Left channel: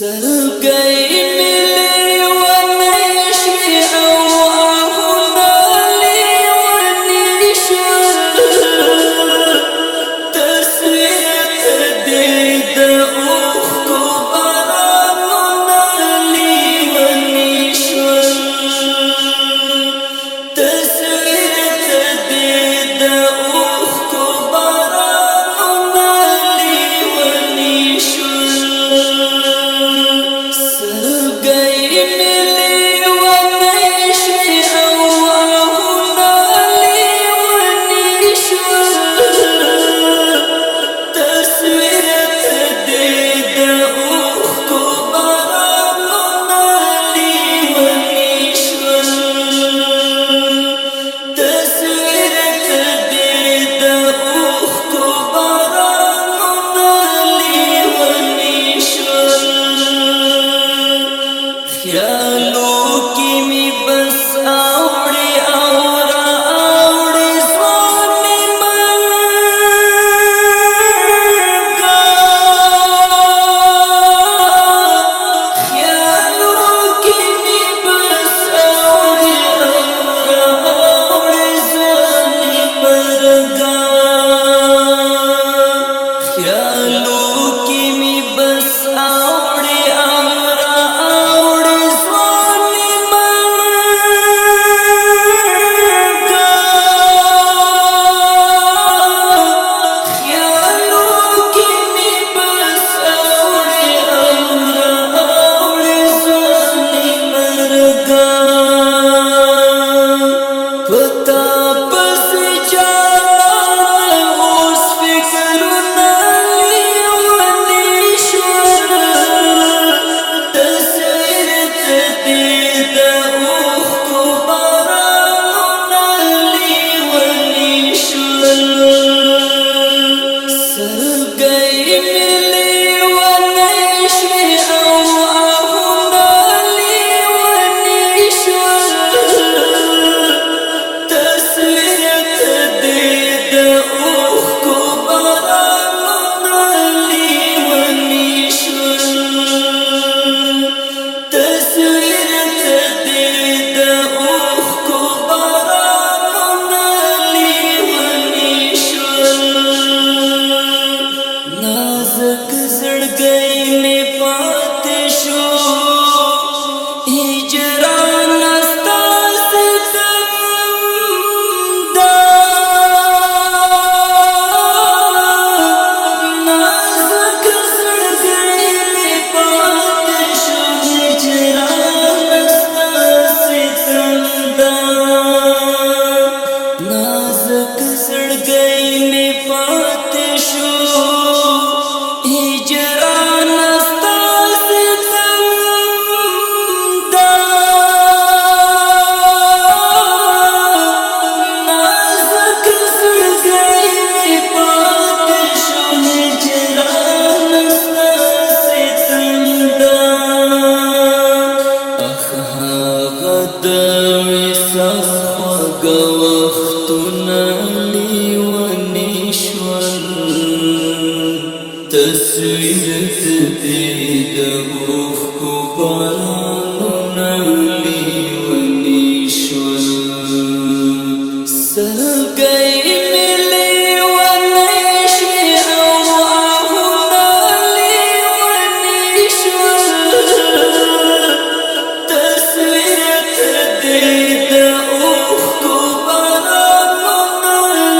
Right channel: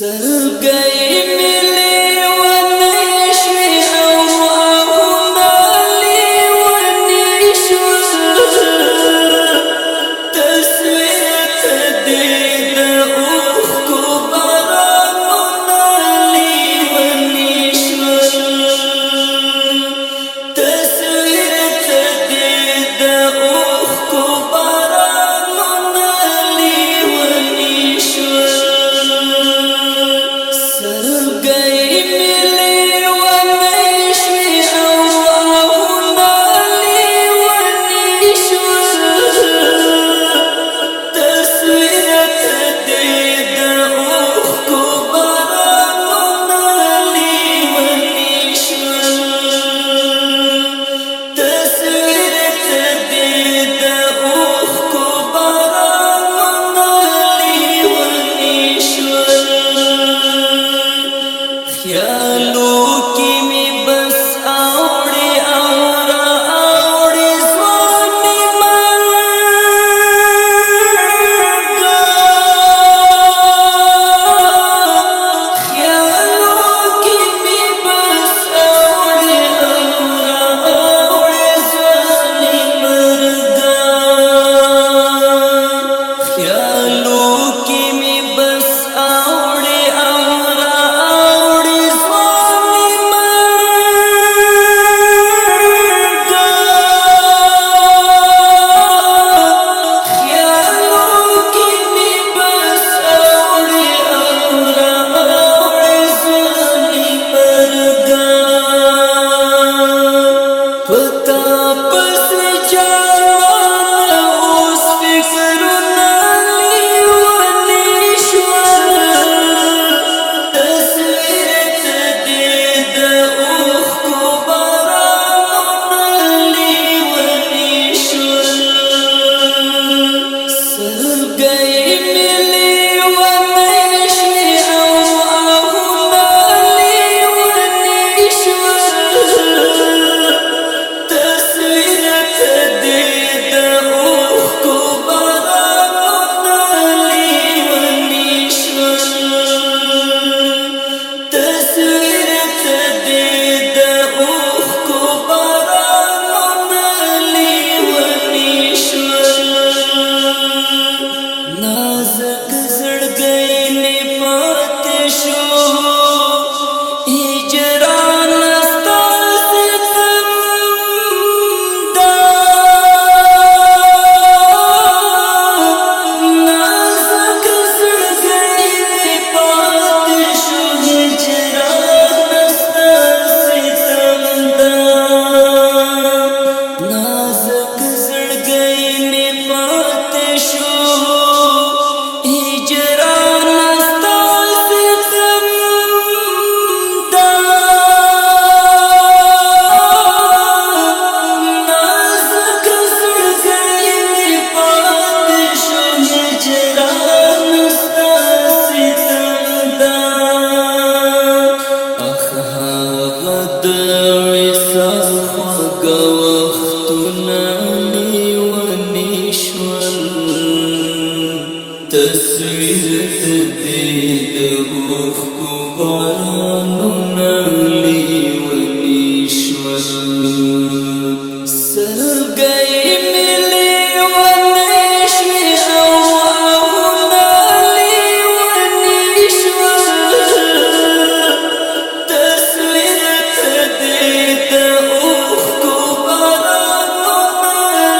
سلګي ملي ونشي او اهنا لي ونشل تصوير تديد اخكو برامنا لي ونشل تصوير تديد اخكو برامنا لي ونشل خیالو کی می بس اوڑی اورا اوڑی زوانی منگا خیالو کی می بس اوڑی اورا اوڑی زوانی منگا خیالو کی می بس اوڑی اورا نازک زړګی می پاتې شو هجران ستا ستم دا نازک زړګی می پاتې شو هجران ستا ستم دا نازک زړګی می پاتې شو تصویر تدید افکو بارانونا لیونی شول سلګی ملی ونشوی او اهنا لیونی شول تصویر تدید افکو بارانونا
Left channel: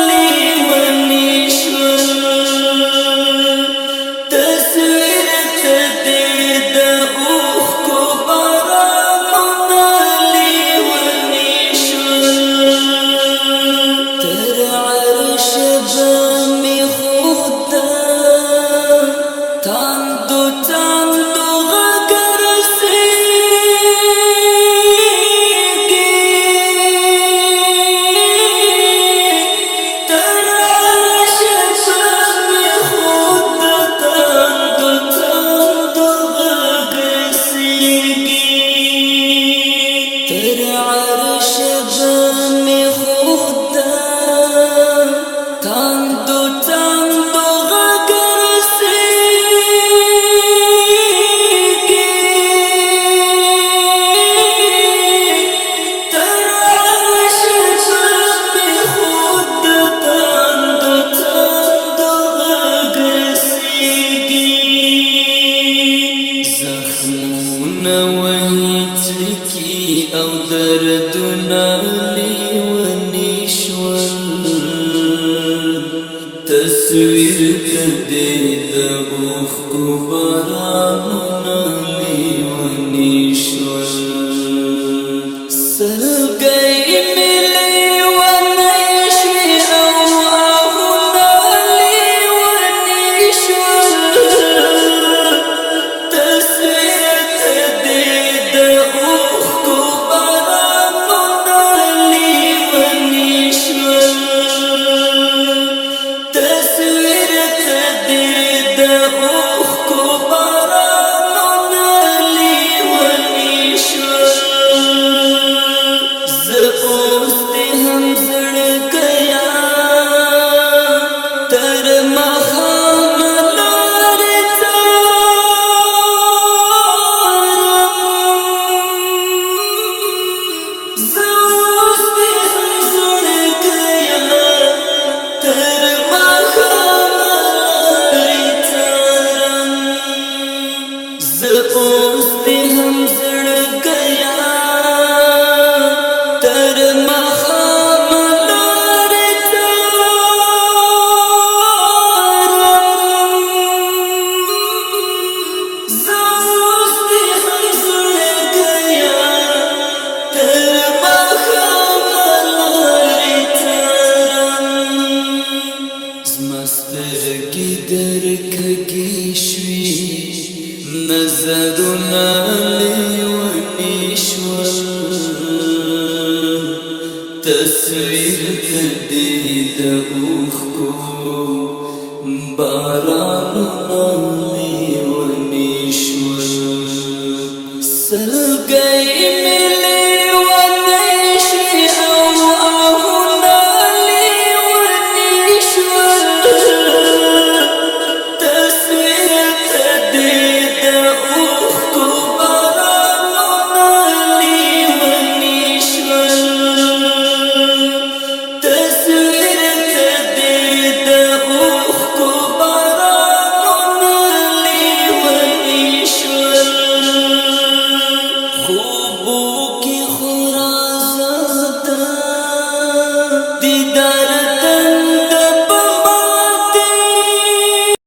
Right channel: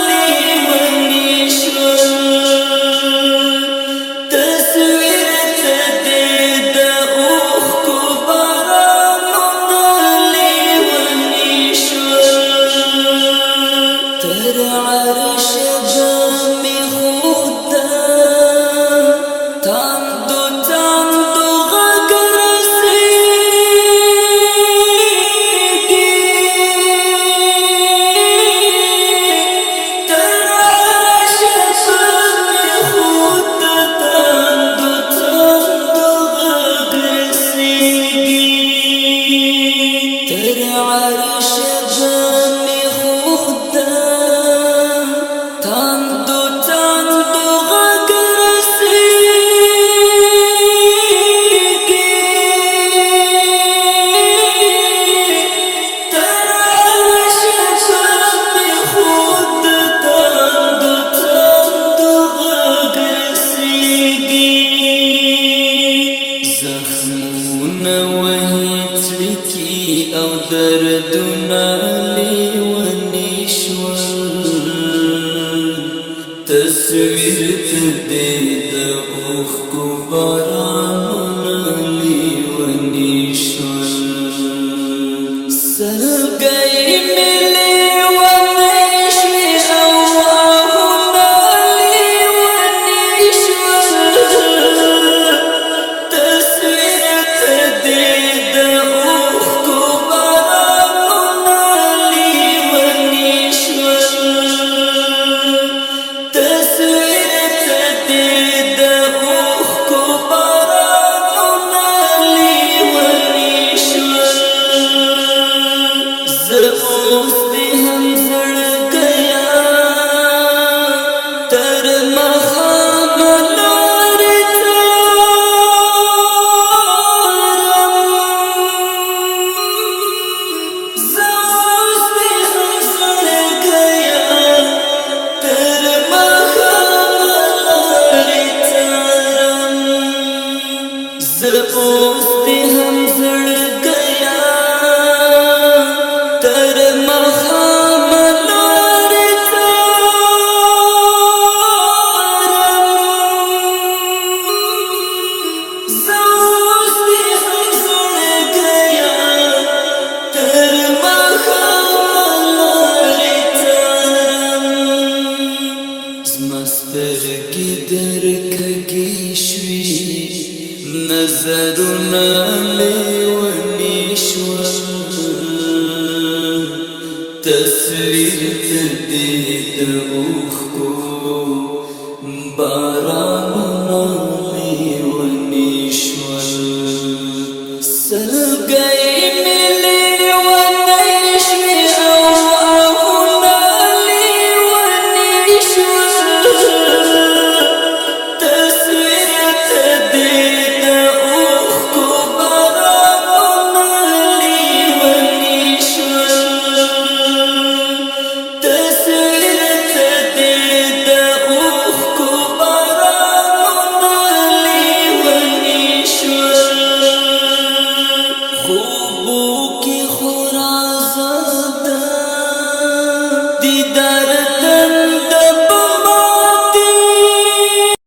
لیونی شول تصویر تدید اخکو نويتلكي او دردنا ليوني شول تصوير تديد اوخكو باراننا ليوني شول سلقي ملي ونشوي أواهنا ليوني شول تصوير تديد اوخكو باراننا ليوني شول تصوير تديد اوخكو باراننا ليوني شول اوس دې هم زړګیا تر مخامه لارې ته زه اوس دې هم زړګیا تر مخامه لارې ته زه اوس دې هم زړګیا تر مخامه لارې ته زه اوس دې هم زړګیا تر مخامه لارې ته زما سترګې درکږې شوې نظرونه لیوني شول تصویر تدید